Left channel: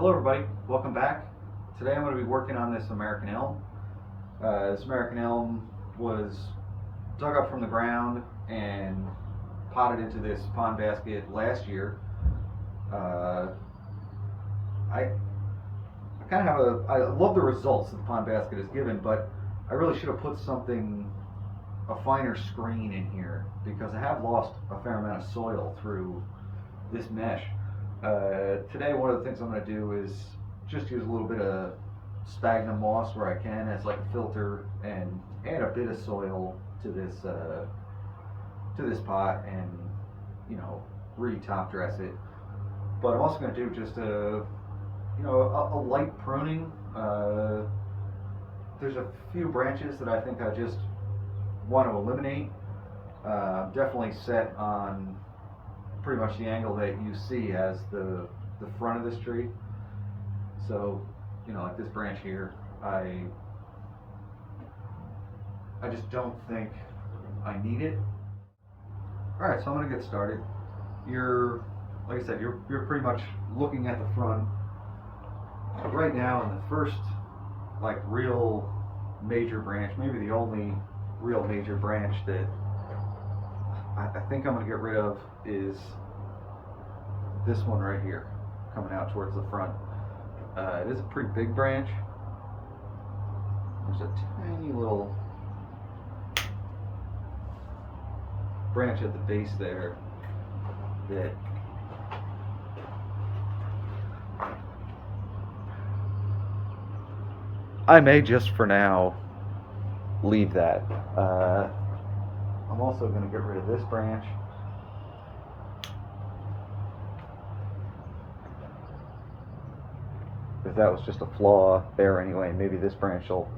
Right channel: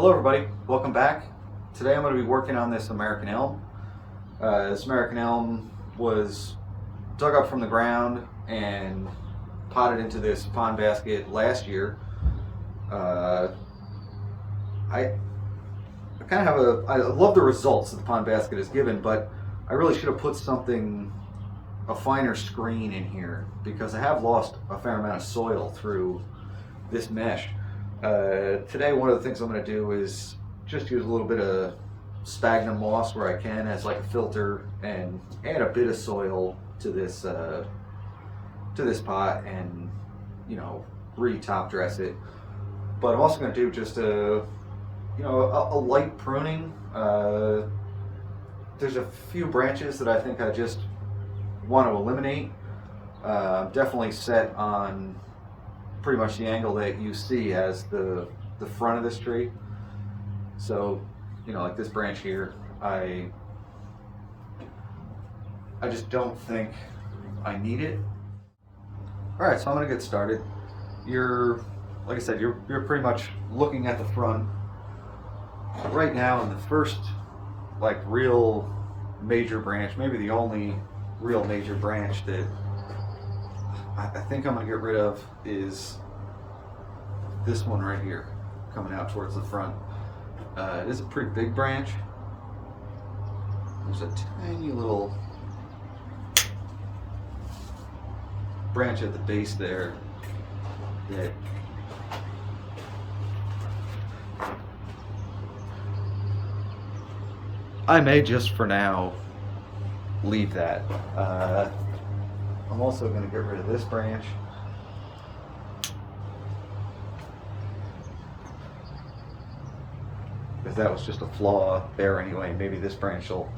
Hello everybody, welcome back. Today I'm going to be working on this American elm. This American elm was dug up from the ground and potted into this pond basket last year. I kind of I love the results that the pond basket has given, but I really should have put a finer screen in here because I have lost a fair amount of soil through this mesh. Today one of the things I'm going to do is just use a little bit of sphagnum moss where I can as like a filter and add a bit of soil to this pot and re-top dress it. But I'm also going to do just a light pruning. There's a few branches that I think I just want to eliminate. Definitely set on pretty much the angle that you see as the front of this tree. So, like this branch here, I just don't think I need it. All right, so I'm gonna get started. Like I said, you're pretty much looking at the front right now, and the first real major branch, maybe the only real major branch that I think I'm going to get rid of is this one right here, coming out towards the front. It is a pretty big branch. There's a tiny little branch at the base there that I may just for now leave that. I'm also going to get rid of this branch. Because that was just a flaw there anyway. Maybe this branch will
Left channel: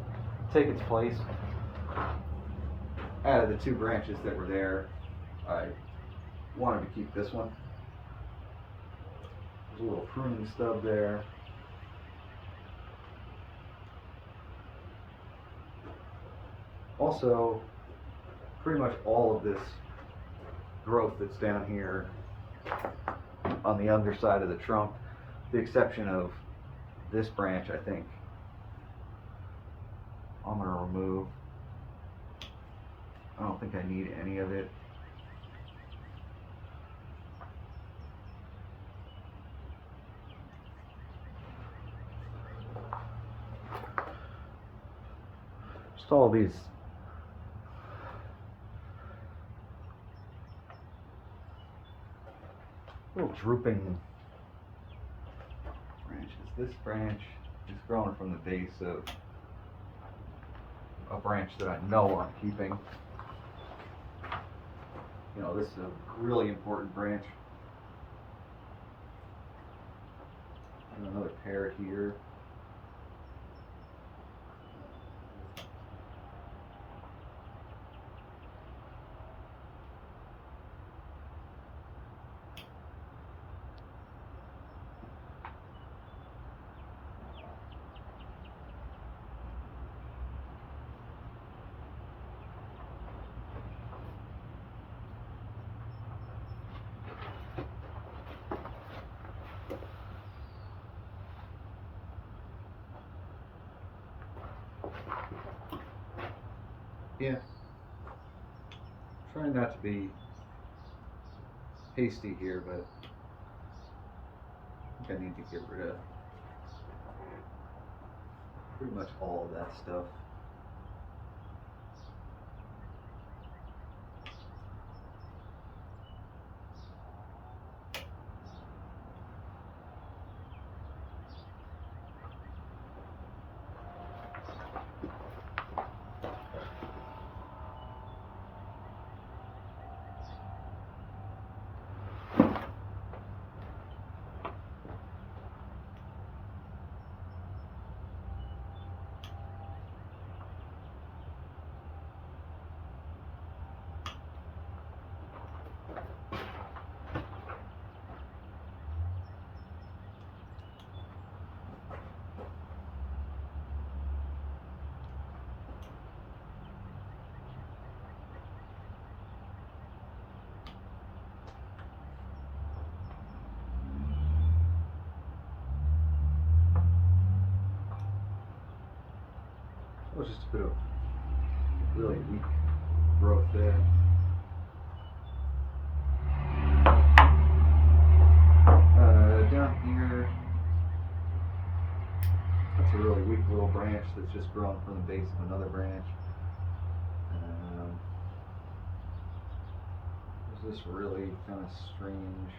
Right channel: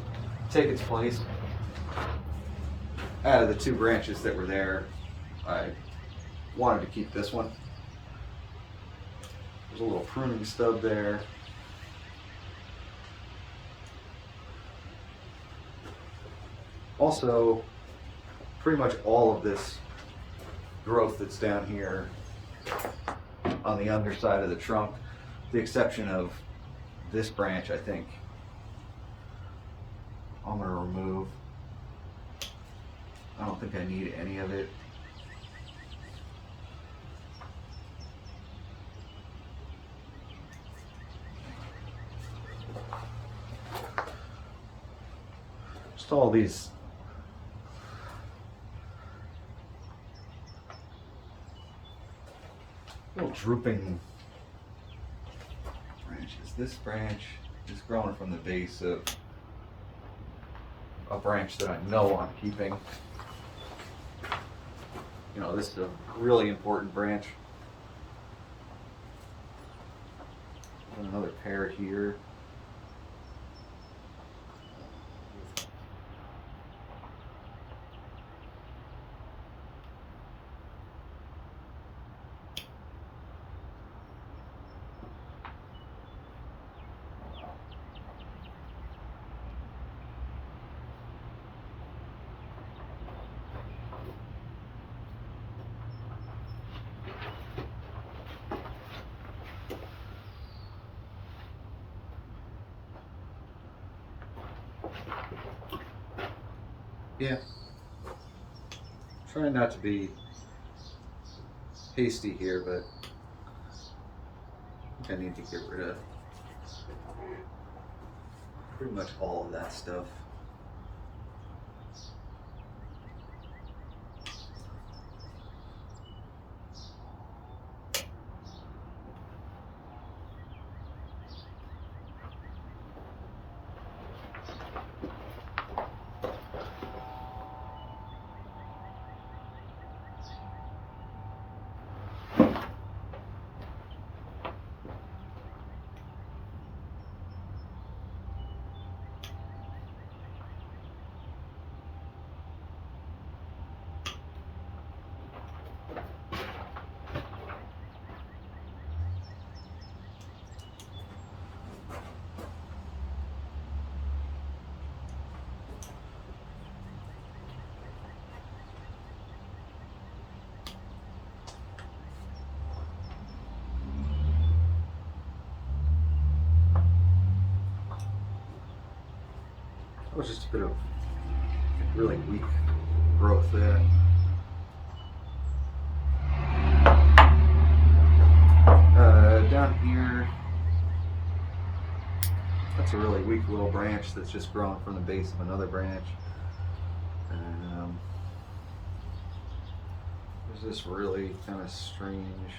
take its place. Out of the two branches that were there, I wanted to keep this one. There's a little pruning stub there. Also, pretty much all of this growth that's down here on the underside of the trunk, the exception of this branch, I think I'm going to remove. I don't think I need any of it. Just all these little drooping branches. This branch is growing from the base of a branch that I know I'm keeping. This is a really important branch. And another pair here. Yeah. Trying not to be hasty here, but I think I need to get rid of pretty much all of that stuff. was just a bit of really weak growth there. Down here, that's a really weak little branch that's just grown from the base of another branch. There's this really kind of strange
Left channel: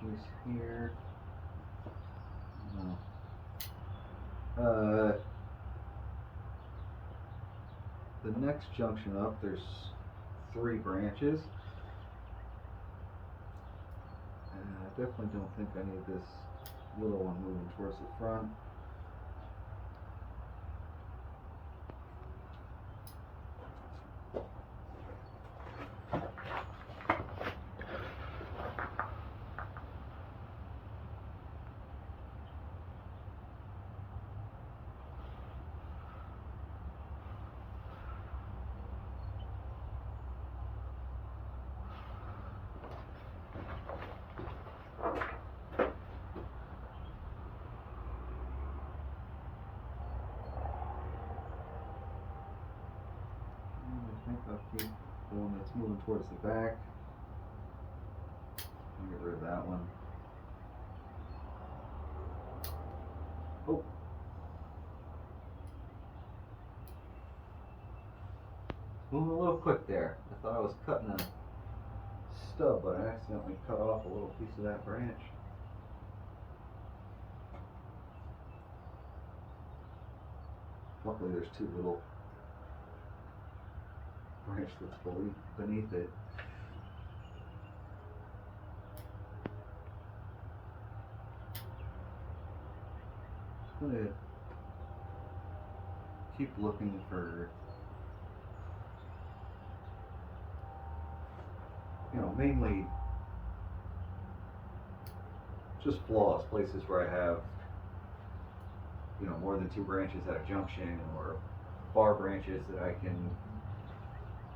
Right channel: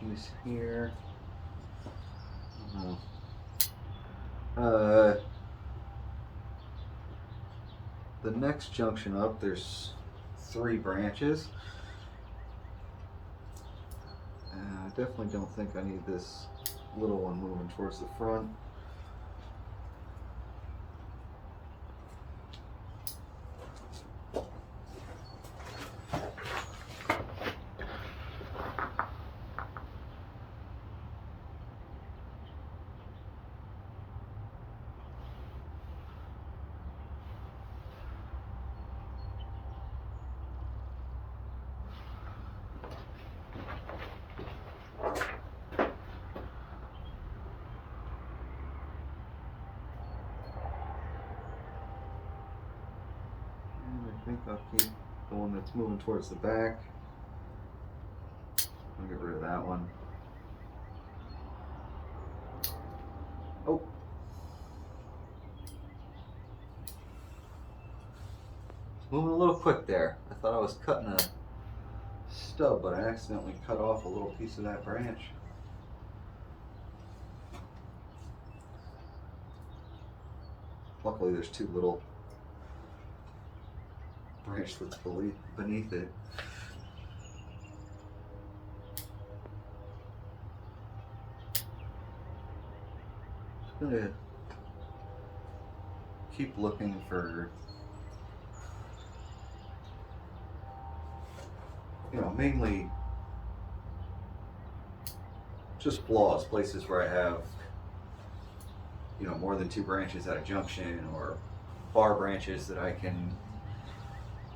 piece here. The next junction up, there's 3 branches. I definitely don't think I need this little one moving towards the front. I think I'll keep the one that's moving towards the back. I'll get rid of that one. Oh. Moving a little quick there. I thought I was cutting a stub, but I accidentally cut off a little piece of that branch. Luckily there's 2 little branchlets beneath it. Just gonna keep looking for, mainly just flaws, places where I have, more than 2 branches at a junction, or bar branches that I can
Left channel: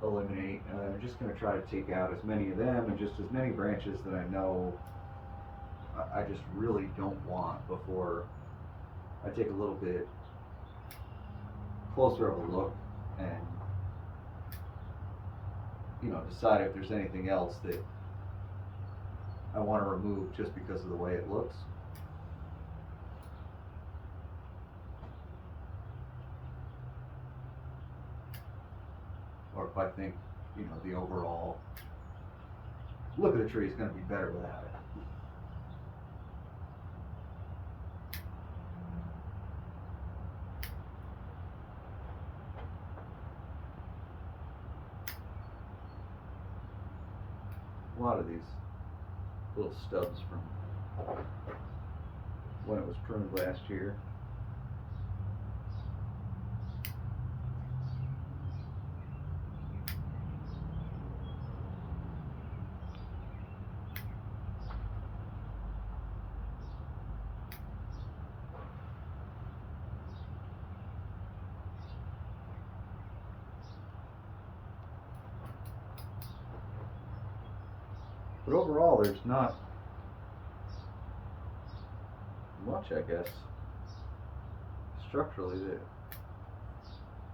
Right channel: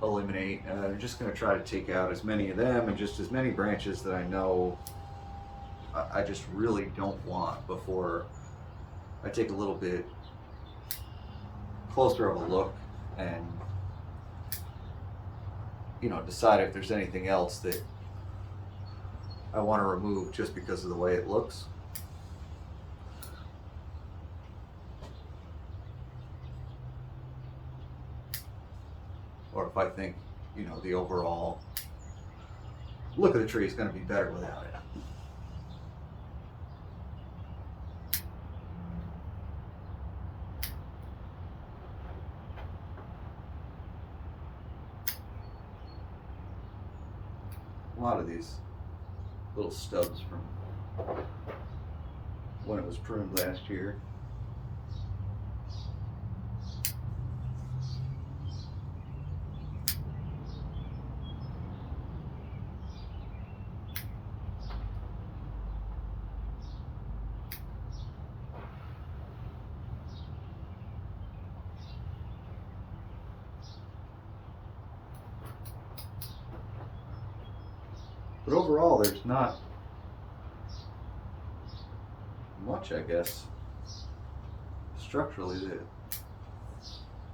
eliminate. I'm just going to try to take out as many of them and just as many branches that I know I just really don't want before I take a little bit closer of a look and decide if there's anything else that I want to remove just because of the way it looks. Or if I think, the overall look of the tree is going to be better without it. A lot of these little stubs from when it was pruned last year. But overall, there's not much, I guess, structurally that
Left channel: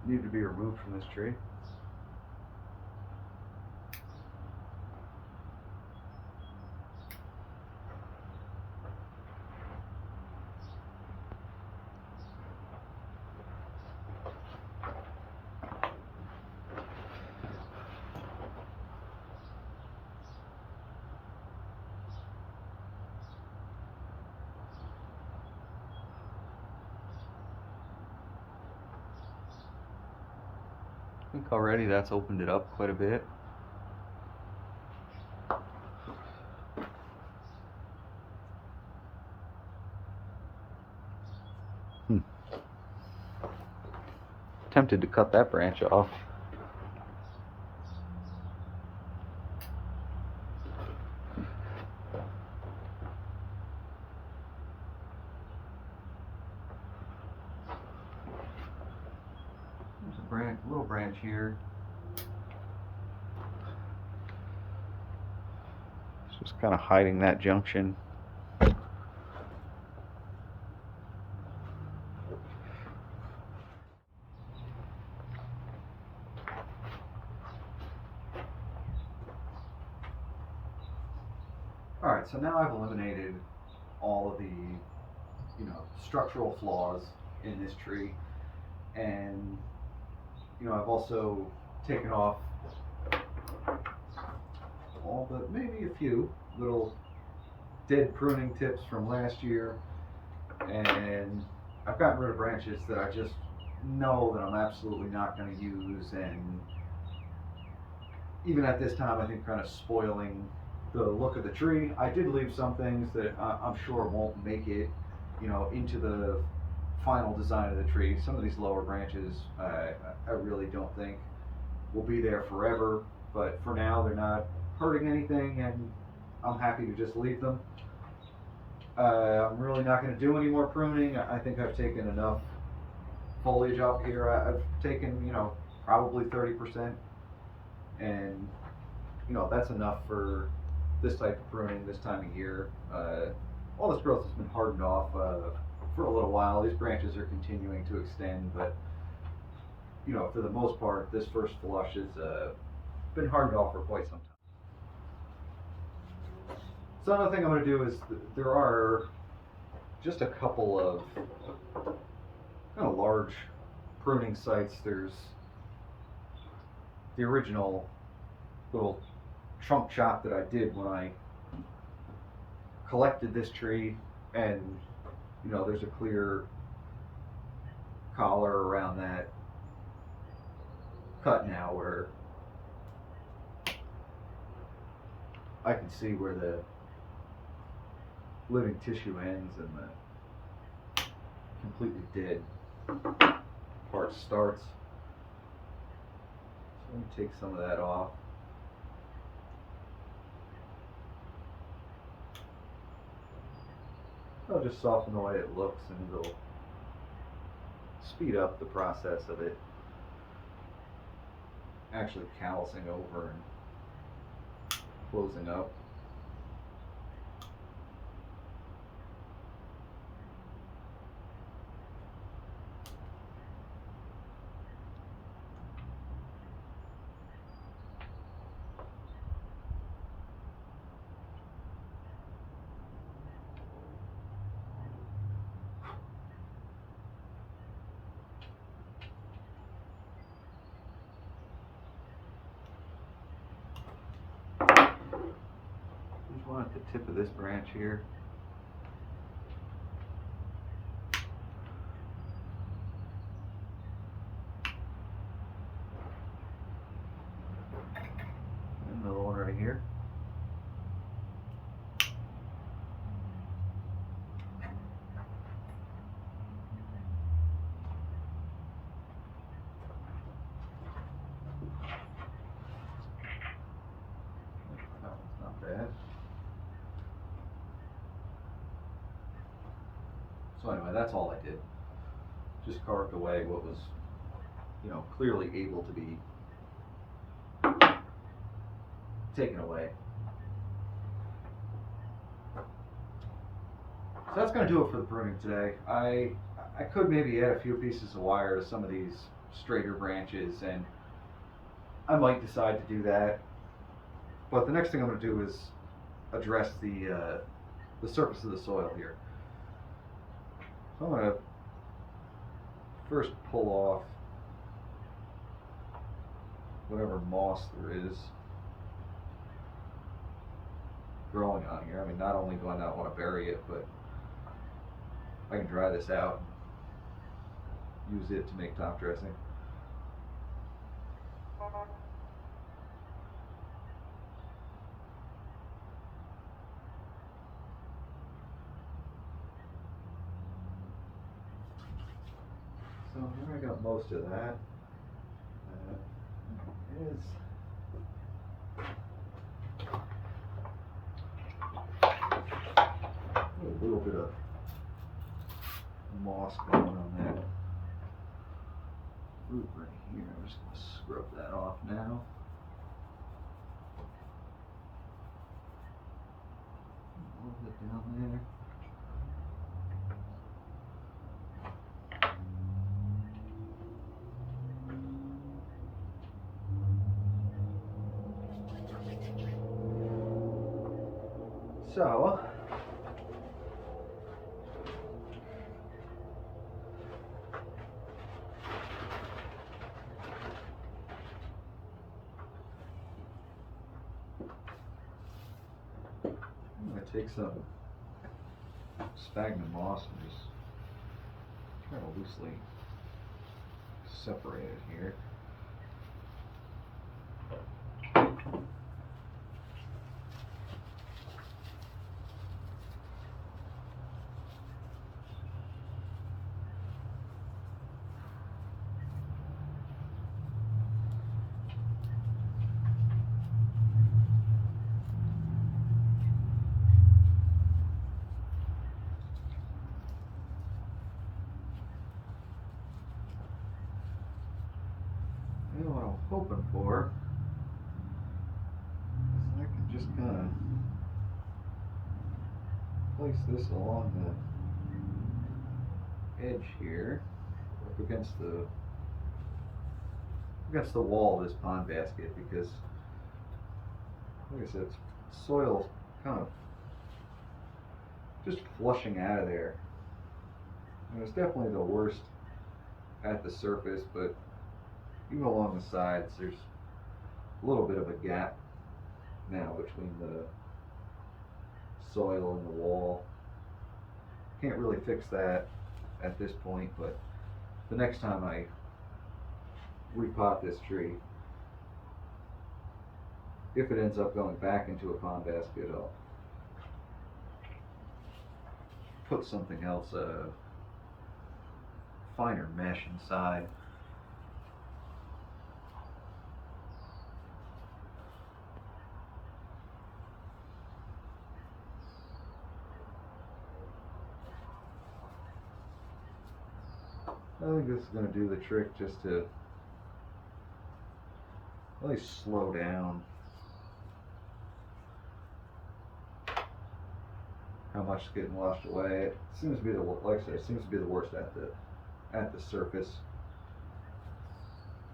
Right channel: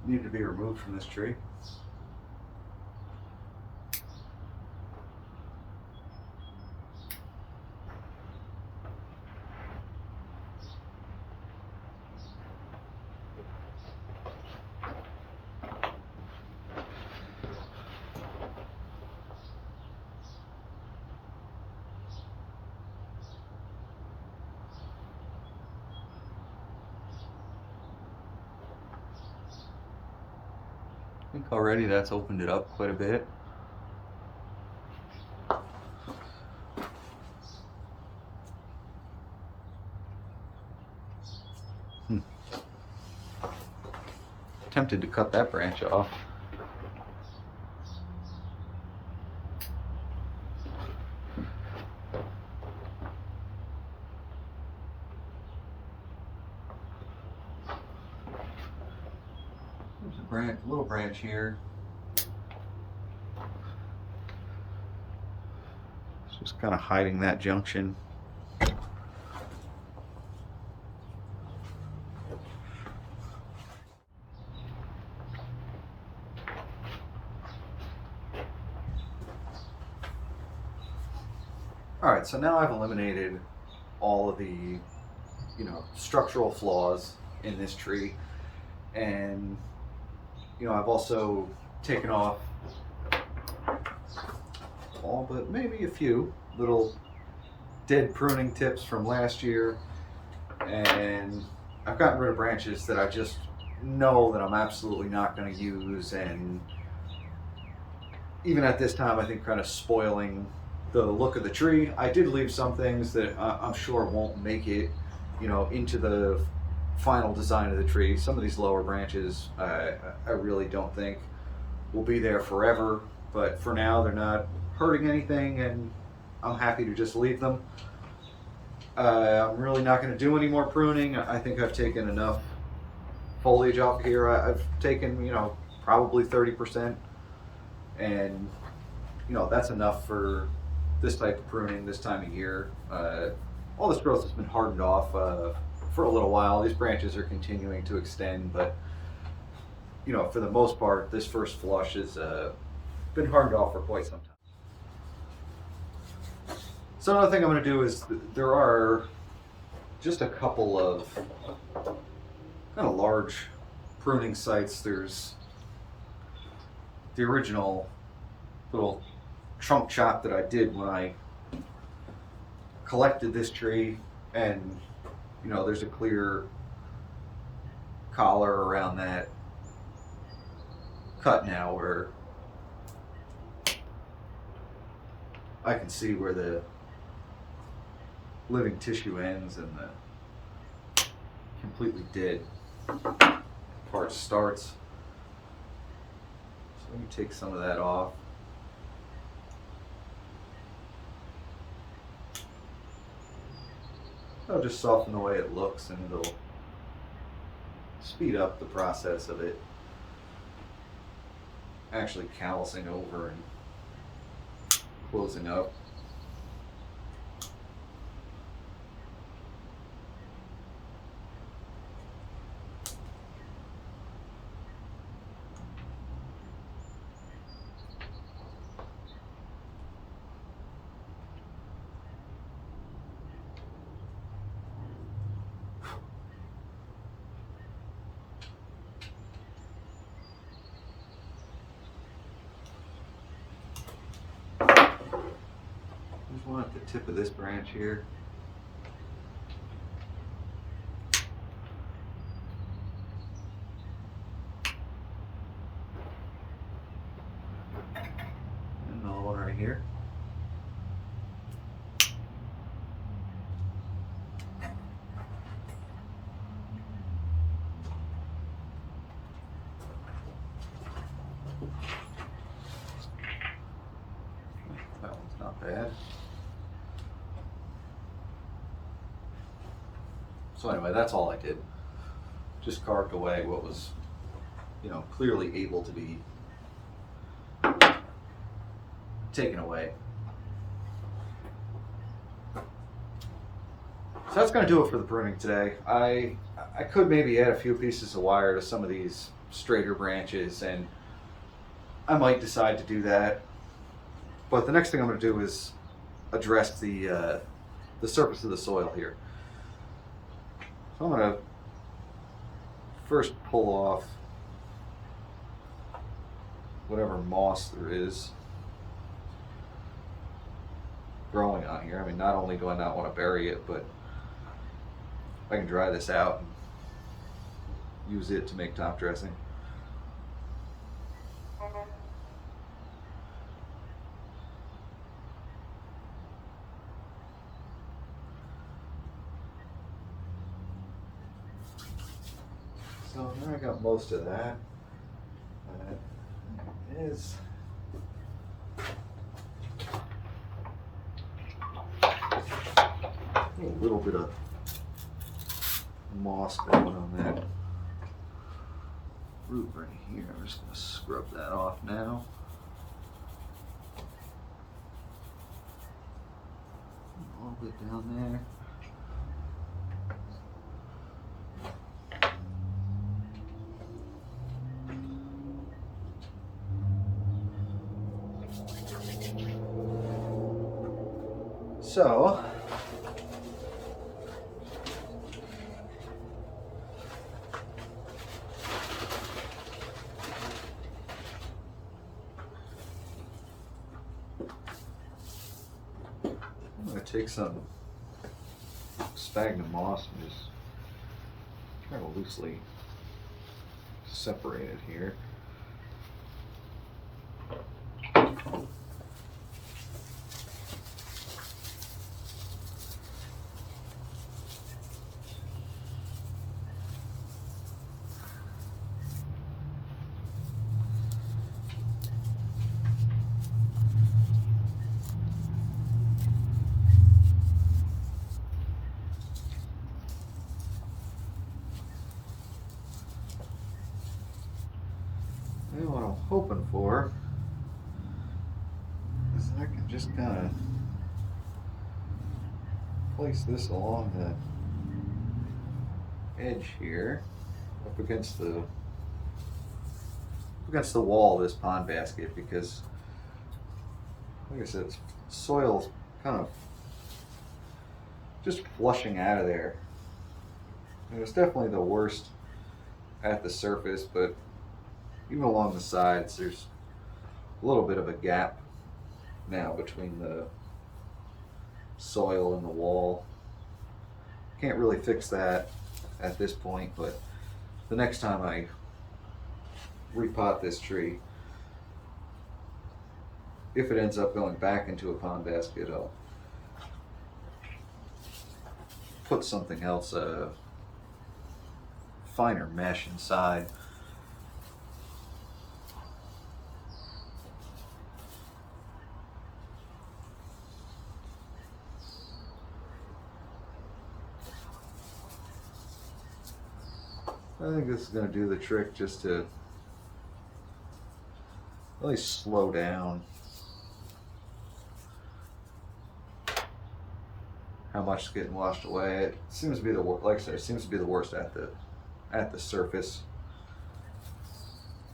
need to be removed from this tree. I think already that's opened it up quite a bit. Tempted to cut that branch off. There's a little branch here. It's just kind of hiding that junction. All right, so now I've eliminated all of the, structural flaws in this tree, and I've also taken off all but maybe a few little dead pruning tips from last year, and I've gotten rid of branches that I just know that I'm absolutely not going to use, and even at this time I think kind of spoiling the look of the tree. I did leave some things that I'm sure won't make it, into the final design of the tree. Some of these lower branches I really don't think will be there forever, but for now they're not hurting anything, and I'm happy to just leave them. I'm really not going to do any more pruning. I think I've taken enough foliage off here. I've taken, probably 30%, and that's enough for this type of pruning this time of year. All this growth has been hardened off for a little while. These branches are continuing to extend, but for the most part, this first flush has been hardened off for quite some time. So another thing I'm going to do is there are just a couple of kind of large pruning sites. There's the original little trunk chop that I did when I collected this tree, and there's a clear collar around that cut now where I can see where the living tissue ends and the completely dead part starts. So let me take some of that off. I'll just soften the way it looks, and it'll speed up the process of it actually callousing over and closing up. There's one at the tip of this branch here. And another one right here. That one's not bad. So anyway, that's all I did. Just carved away what was, clearly able to be taken away. So that's going to do it for the pruning today. I could maybe add a few pieces of wire to some of these straighter branches, and I might decide to do that. But the next thing I'm going to do is address the surface of the soil here. So I'm going to first pull off whatever moss there is growing on here. I mean, not only do I not want to bury it, but I can dry this out and use it to make top dressing. So there I got most of that. It is a little bit of moss growing on that root right here. I'm just going to scrub that off now. A little bit down there. So I'm going to take some sphagnum moss and just kind of loosely separate it here. And what I'm hoping for is I can just kind of place this along the edge here, up against the wall of this pond basket, because, like I said, soil's kind of just flushing out of there. And it's definitely the worst at the surface, but even along the sides, there's a little bit of a gap now between the soil and the wall. Can't really fix that at this point, but the next time I repot this tree, if it ends up going back into a pond basket, I'll put something else, finer mesh inside. I think this is going to do the trick, just to really slow down how much is getting washed away. It seems to be the worst, like I said, it seems to be the worst at the surface.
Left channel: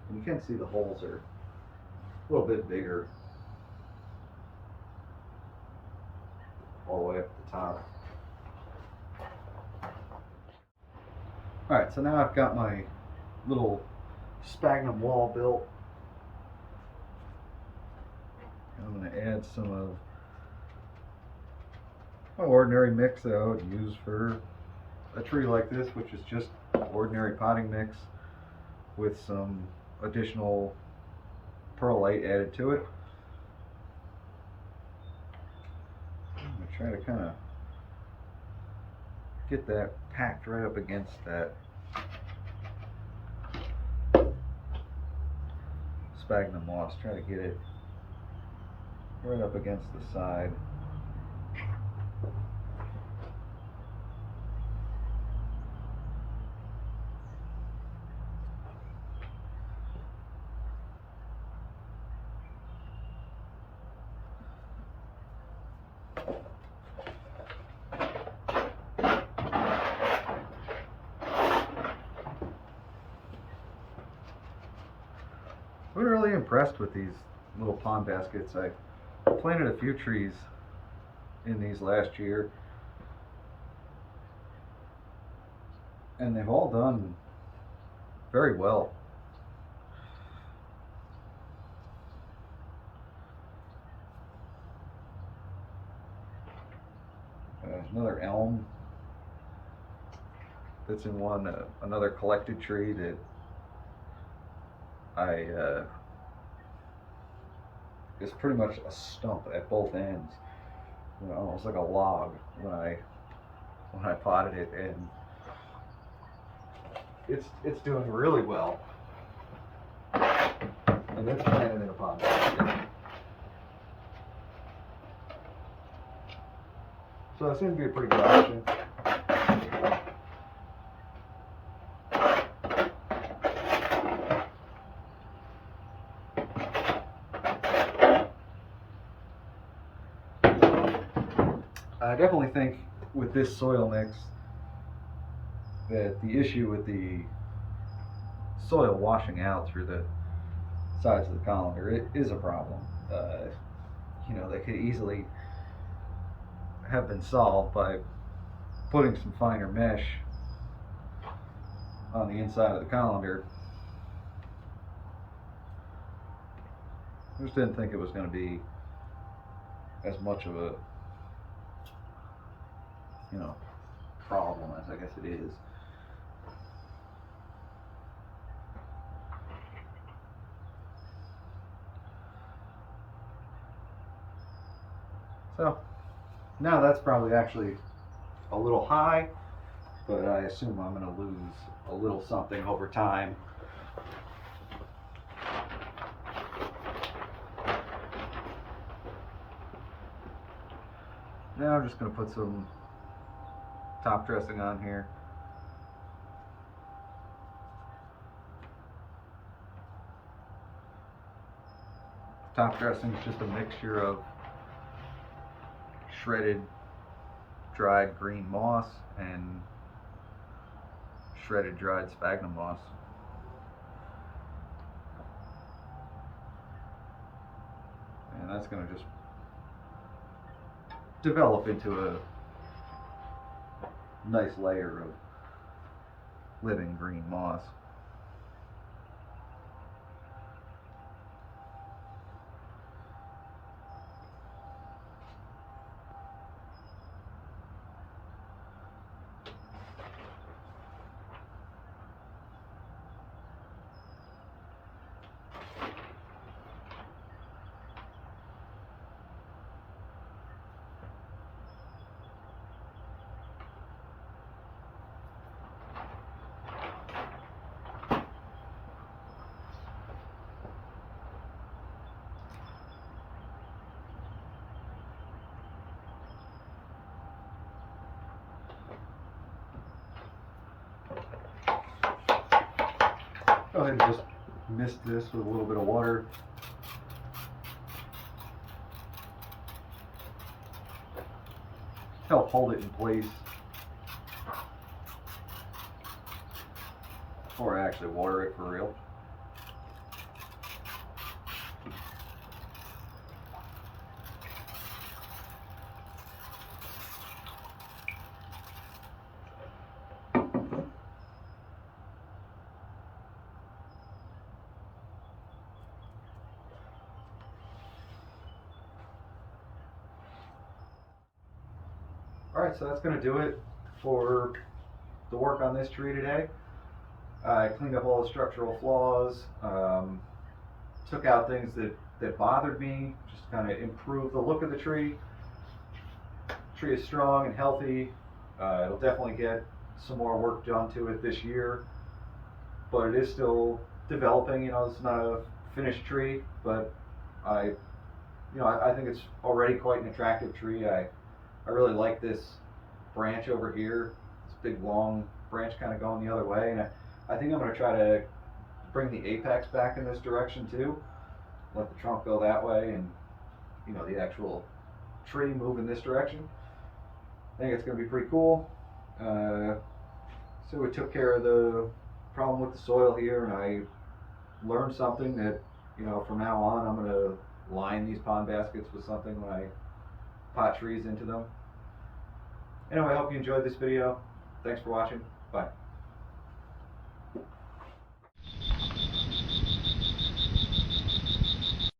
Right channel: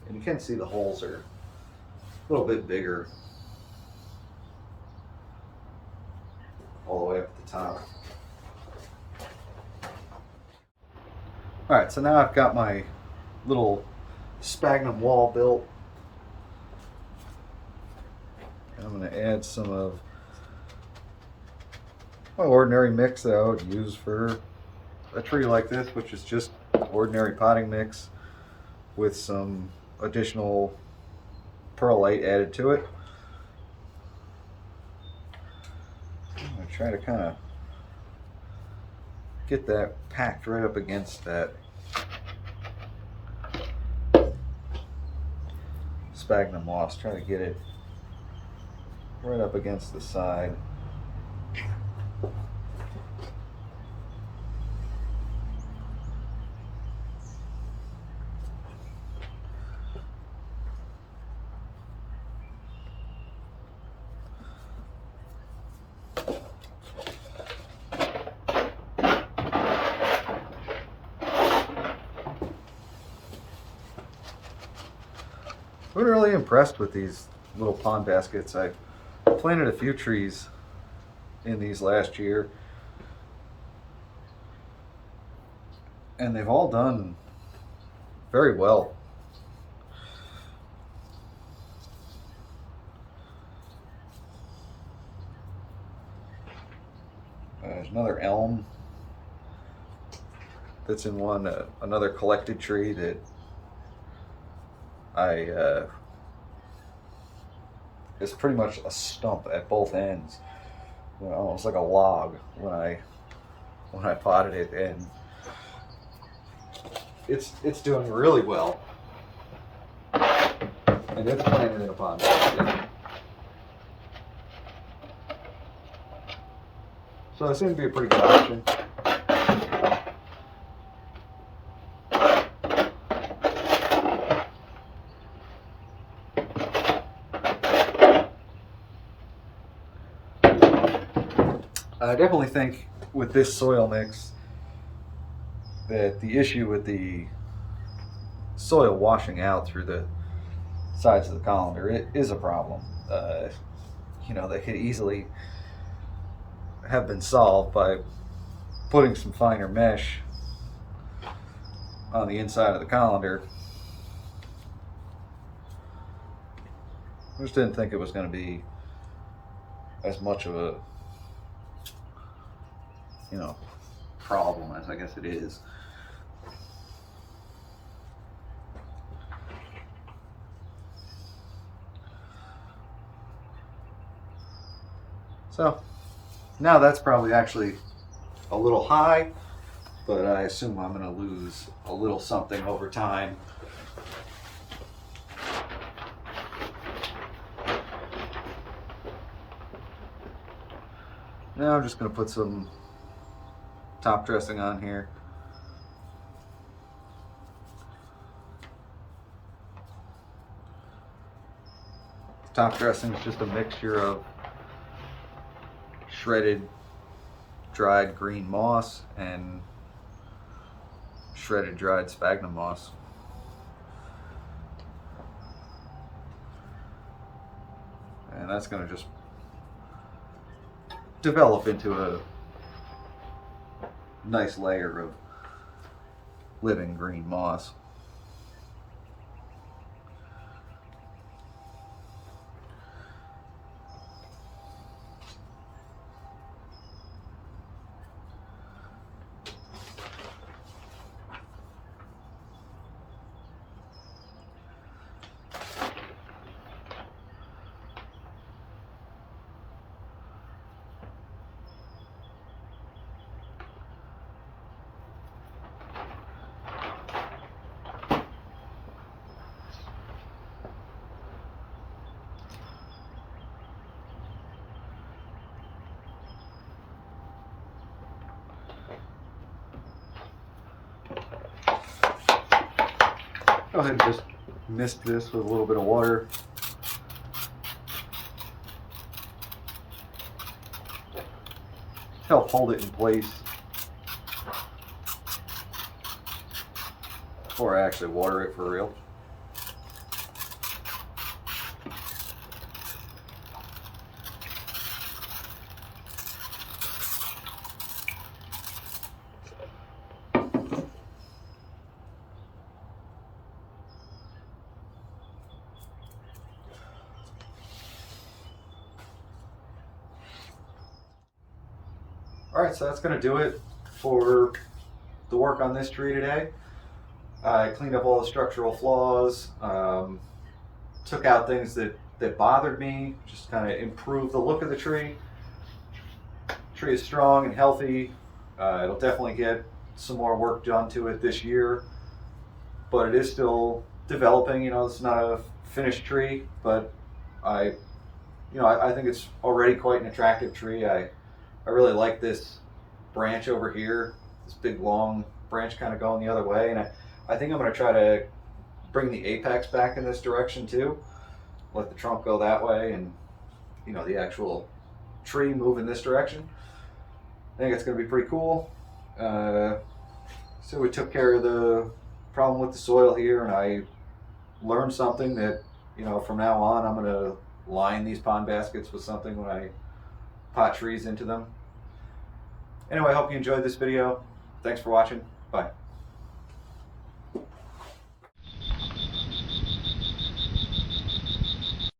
And you can see the holes are a little bit bigger all the way up at the top. Alright, so now I've got my little sphagnum wall built. I'm going to add some of my ordinary mix that I would use for a tree like this, which is just ordinary potting mix with some additional perlite added to it. I'm going to try to kind of get that packed right up against that sphagnum moss. Try to get it right up against the side. I've been really impressed with these little pond baskets. I planted a few trees in these last year, and they've all done very well. There's another elm that's in one, another collected tree that it's pretty much a stump at both ends, almost like a log when I potted it, and it's doing really well, and it's planted in a pond basket. So that seems to be a pretty good option. I definitely think with this soil mix that the issue with the soil washing out through the sides of the colander, it is a problem. You know, they could easily have been solved by putting some finer mesh on the inside of the colander. I just didn't think it was going to be as much of a, you know, problem as I guess it is. So now that's probably actually a little high, but I assume I'm going to lose a little something over time. Now I'm just going to put some top dressing on here. Top dressing is just a mixture of shredded dried green moss and shredded dried sphagnum moss. And that's going to just develop into a nice layer of living green moss. Go ahead and just mist this with a little bit of water. Help hold it in place before I actually water it for real. Alright, so that's going to do it for the work on this tree today. I cleaned up all the structural flaws, took out things that bothered me, just kind of improved the look of the tree. The tree is strong and healthy. It'll definitely get some more work done to it this year, but it is still developing. It's not a finished tree, but I think it's already quite an attractive tree. I really like this branch over here, this big long branch kind of going the other way, and I think I'm going to try to bring the apex back in this direction too. Let the trunk go that way and the actual tree move in this direction. I think it's going to be pretty cool. So we took care of the problem with the soil here, and I learned something that from now on I'm going to line these pond baskets with something when I pot trees into them. Anyway, I hope you enjoyed this video. Thanks for watching. Bye.